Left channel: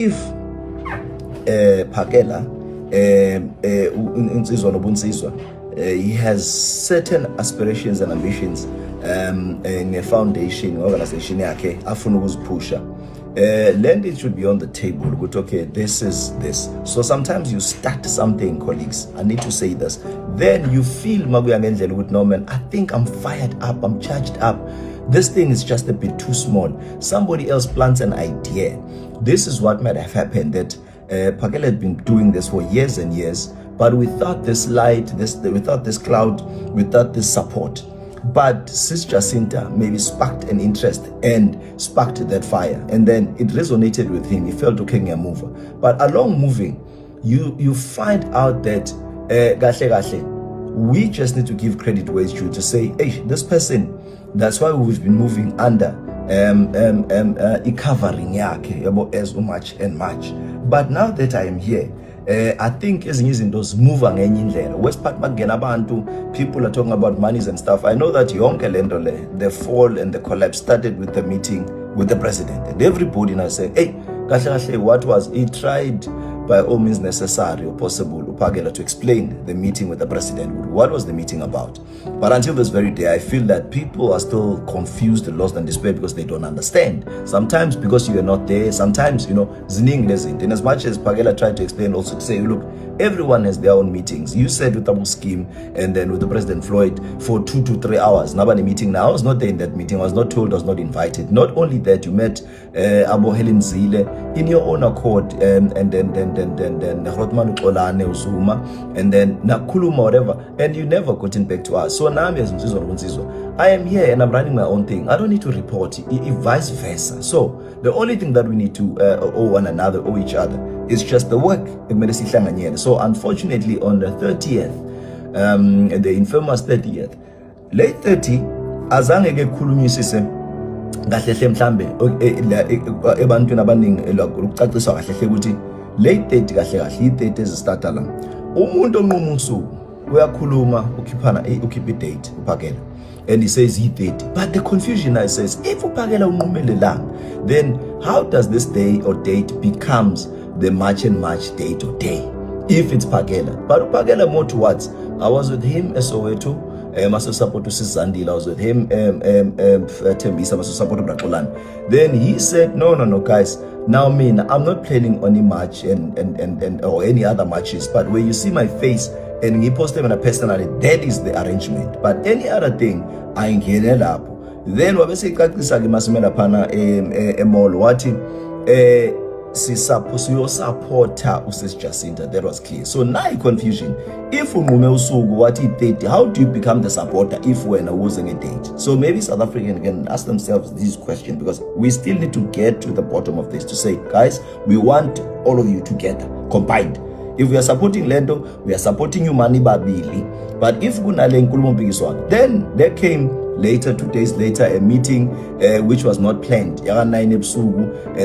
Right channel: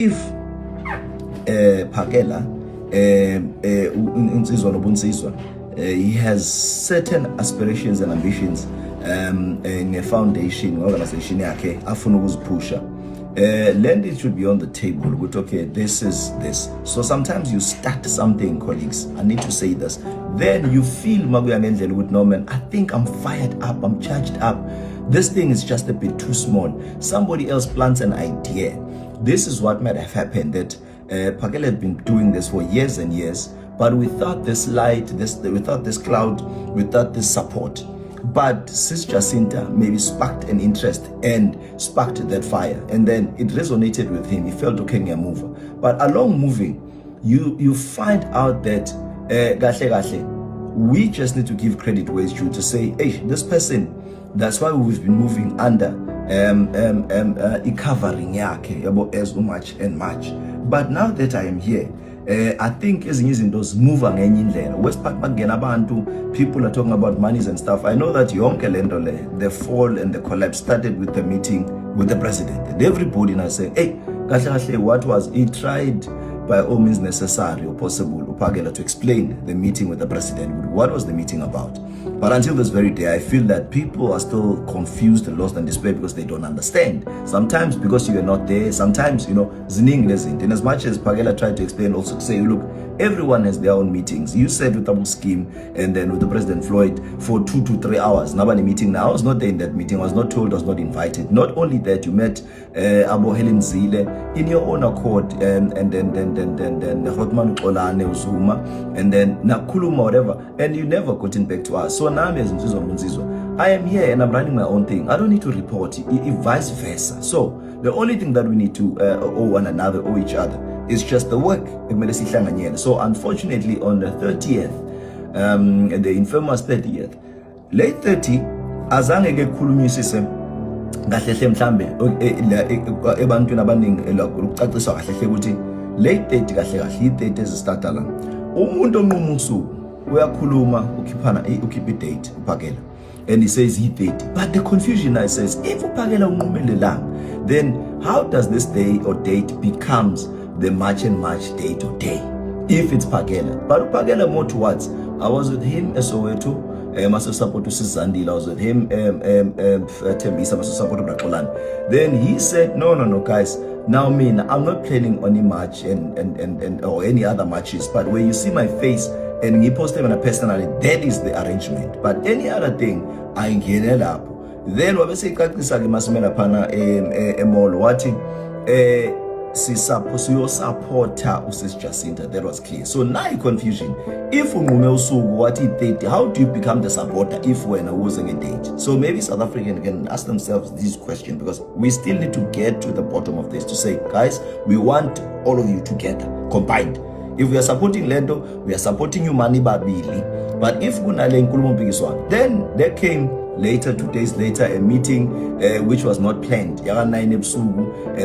If Phakela Insizwa Nobunsizwa he has certain aspirations and ambitions nge-foundation organization yakhe afuna ukuziphusha, land it should be on the table. But okay, this is this. So sometimes you start something, colleagues, I need to say this, then you feel mabuya ngendlela ukuthi no man, I think I'm fired up, I'm charged up, this thing is just a bit too small. Somebody else plants an idea. This is what might have happened, that Phakela had been doing this for years and years, but without this light, without this cloud, without this support. But Sis Jacinta maybe sparked an interest and sparked that fire, and then it resonated with him. He felt okay, move. But along moving, you find out that we just need to give credit where it's due, to say, hey, this person, that's why we've been moving under covering yake as much and much. But now that I am here, I think ezinye izinto zimuva ngenye indlela. Westpark bakungena abantu, people are talking about monies and stuff. I know that yonke lento le, the fall and the collapse started with the meeting with the president, and everybody now said, hey, kahle what was he tried by all means necessary or possible Phakela to explain the meeting with the president. What was the meeting about? But until this very day, I feel that people are still confused, lost and despair because they don't understand. Sometimes because you are not there, sometimes, ziningi lezinto. And as much as Phakela tried to explain, also to say, look, everyone has their own meetings. You said with Abu Scheme and then with the President Floyd for 2 to 3 hours. Nobody meeting now. I was not there in that meeting. I was not told, I was not invited. Not only that, you met Abu Helen Zile in your own accord, and then Rotman Olane Uzuma, and then Nakuluma, whatever, and you never gotten back to us. So now I am here and I'm running my own thing. I don't need to report it, vice versa. So the only thing that we need to owe one another, owe each other, is just the work. So unfortunately on the 30th, the infamous 30th, late 30, azange ke khulunyisise kahle hle mhlambe ebantwini abaningi ukucacisa kahle hle ukuthi late 30 kahle i-30 ezistata la umuntu onquma usuku uyakhuluma ukhiphana ukhipha i-date uPhakela, and he says i-30, but the confusion now says if uPhakela unqumele langa, then how does this day or date becomes the March and March day to day if it's Phakela? But Phakela more towards, I was with him as Soweto, maso support to Sizandile, I was with him Tembisa, maso support to Brakolan. Then he said no guys, now I'm not planning on a match and or any other matches, but when you see my face and he posted on a personally, that is the arrangement. But any other thing I ain't getting up. Then when we say kakisa limasimela pana mall wati supporter uSis Jacinta, that was clear. So now confusion. If unqume usuku what 30, how do you become the supporter if we're not losing a date? So maybe South Africans can ask themselves this question, because we still need to get to the bottom of this, to say, guys, we want all of you together, combined. If we are supporting Lendo, we are supporting you Mani Babili. But if then there came later, 2 days later, a meeting which was not planned, and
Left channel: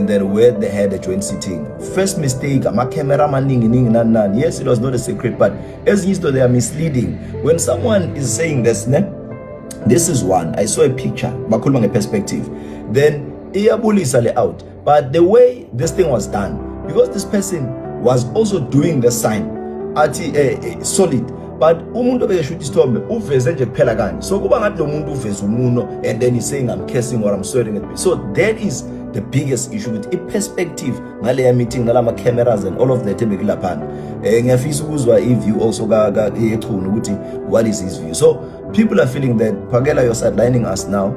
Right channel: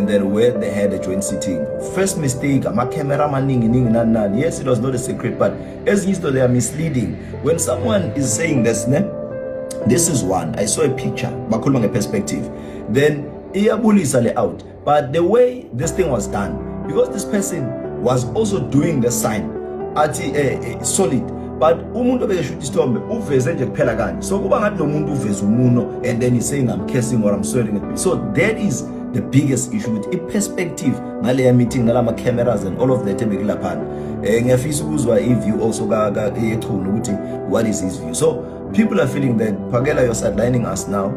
then where they had a joint sitting. First mistake, yes, it was not a secret, but as usual, they are misleading. When someone is saying this is one, I saw a picture, a perspective, then out. But the way this thing was done, because this person was also doing the sign at solid, but umuntu obeshuta isithombe uveze nje kuphela kanje, so kuba ngathi lo muntu uveze umuno and then he's saying I'm cursing or I'm swearing at me. So that is the biggest issue with a perspective ngale meeting nalama cameras and all of that ebekulaphana. Ngiyafisa ukuzwa if you also ga ukuthi what is his view. So people are feeling that Phakela, you're sidelining us now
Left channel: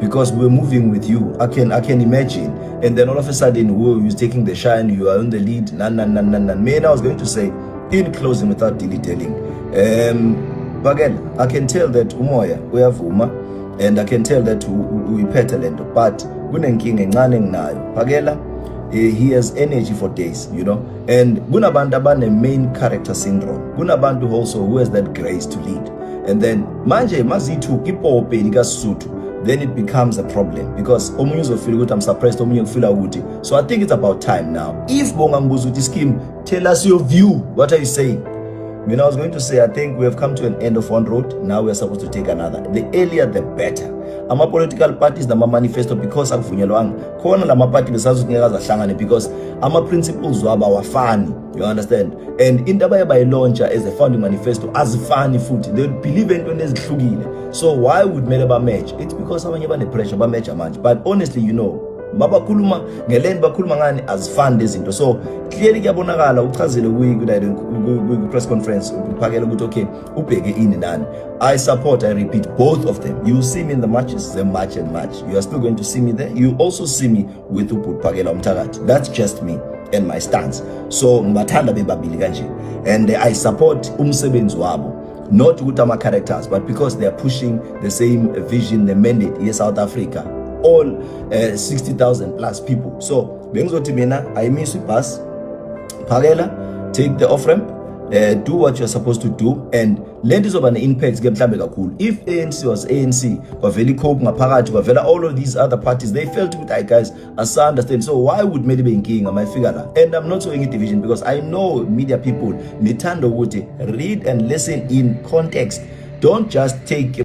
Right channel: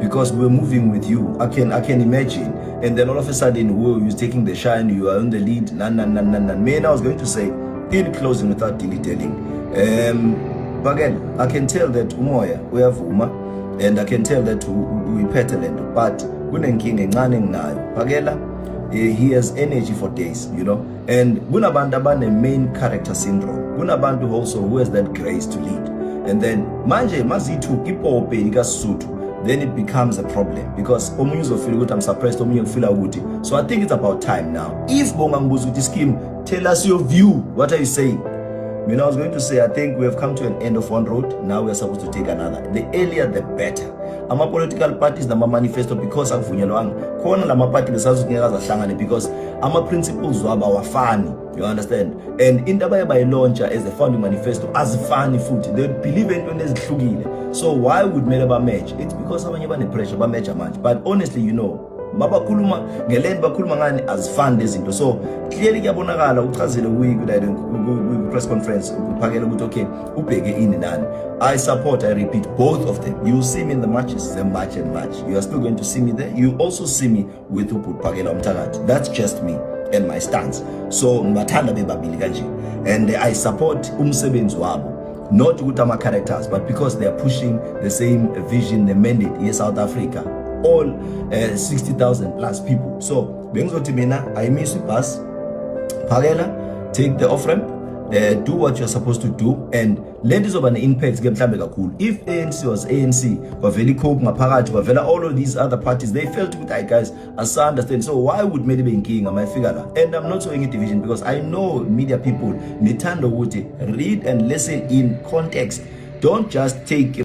because we're moving with you. I can imagine, and then all of a sudden who's taking the shine, you are on the lead. Man, I was going to say in closing without dilly-dallying, again, I can tell that umoya uyavuma, and I can tell that we petalent, but kunenkinga encane nayo Phakela. He has energy for days, and kunabantu abane main character syndrome, kunabantu also who has that grace to lead, and then manje mazithi ipope likasuthu, then it becomes a problem, because omunye uzofila ukuthi I'm suppressed, omunye ufila ukuthi. So I think it's about time now. If bonga mbuzo uthi Scheme, tell us your view, what are you saying? I was going to say, I think we have come to an end of one road. Now we are supposed to take another. The earlier, the better. Ama political parties, nama manifesto, because akuvunyelwanga. Khona lama party besazokunika zahlangane, because ama-principles wabo awafani, you understand, and into abaye bayilontsha as a founding manifesto azifani futhi, they believe entweni ezihlukile. So why would mele ba-match? It's because abanye bane-pressure ba-match amanje, but honestly, you know, mabakhuluma ngelento bakhuluma ngani azifani lezinto. So clearly kuyabonakala uchazile press conference uphakela ukuthi okay ubheke ini nani. I repeat, both of them. You see me in the matches, the match and match. You are still going to see me there. You also see me with Uphakela Umthakathi. That's just me and my stance. So mathanda bebabili kanje, and I support umsebenzi wabo, not ukuthi ama characters, but because they are pushing the same vision, the mandate in South Africa, all 60,000 plus people. So bengizothi mina I miss ubus Phakela, take the off ramp, do what you're supposed to do, and let this over an impact ke mhlambe kakhulu. If ANC was ANC, kwavela iCope ngaphakathi, kwavela all of these other parties, they felt with I guys as I understand. So why would maybe be inking my figure? And I'm not showing a division because I know media people nithanda ukuthi read and listen in context. Don't just take